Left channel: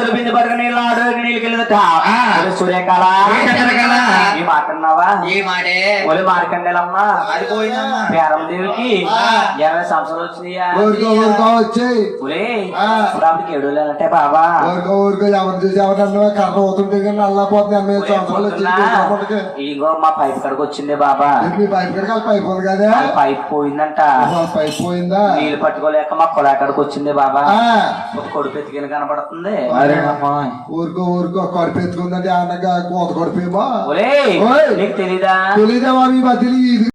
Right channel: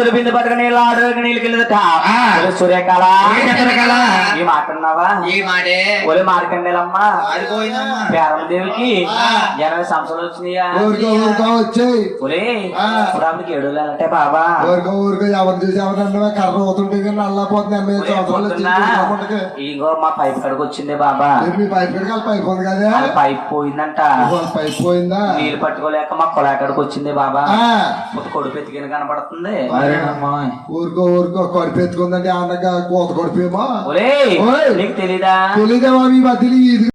తెలిపింది పట్టుకు నీళ్ళు ఆడు నీళ్ళకి వెళ్ళదట ఆ. సూర్యకాల ఈ మాటే ఒలి మార్కండేలమ్మా పేరం దేవికి. ఎనభై సంవత్సరాలు వచ్చినాయా ఒలే ఏడు బాబా ఊరుకో ఊరుకో ఎవరు చూసి ఎవరన్నా కర్ర అవుతుంటే కానీ అల్లపోతుంది ఎనభై ఐదు సంవత్సరాలు పొద్దున్న వచ్చి ఇగో మా పైప్ కడకు వచ్చింది బాబా. మీ పైప్ కడికి పైప్ ఉంది కదా. పైప్ పోయిందంట. పైప్ పోయిందా? నీళ్ళు పట్టుకోలేక మా పొలా కడకు వచ్చింది బాబా. కొడుకు ఎత్తికిన కనపడుతుంది. ఊరుకో ఊరుకో కడుపు ఎత్తుకుందంటే అన్నగా కోత కడుపేమో. నీకు తెలీదా? ఇది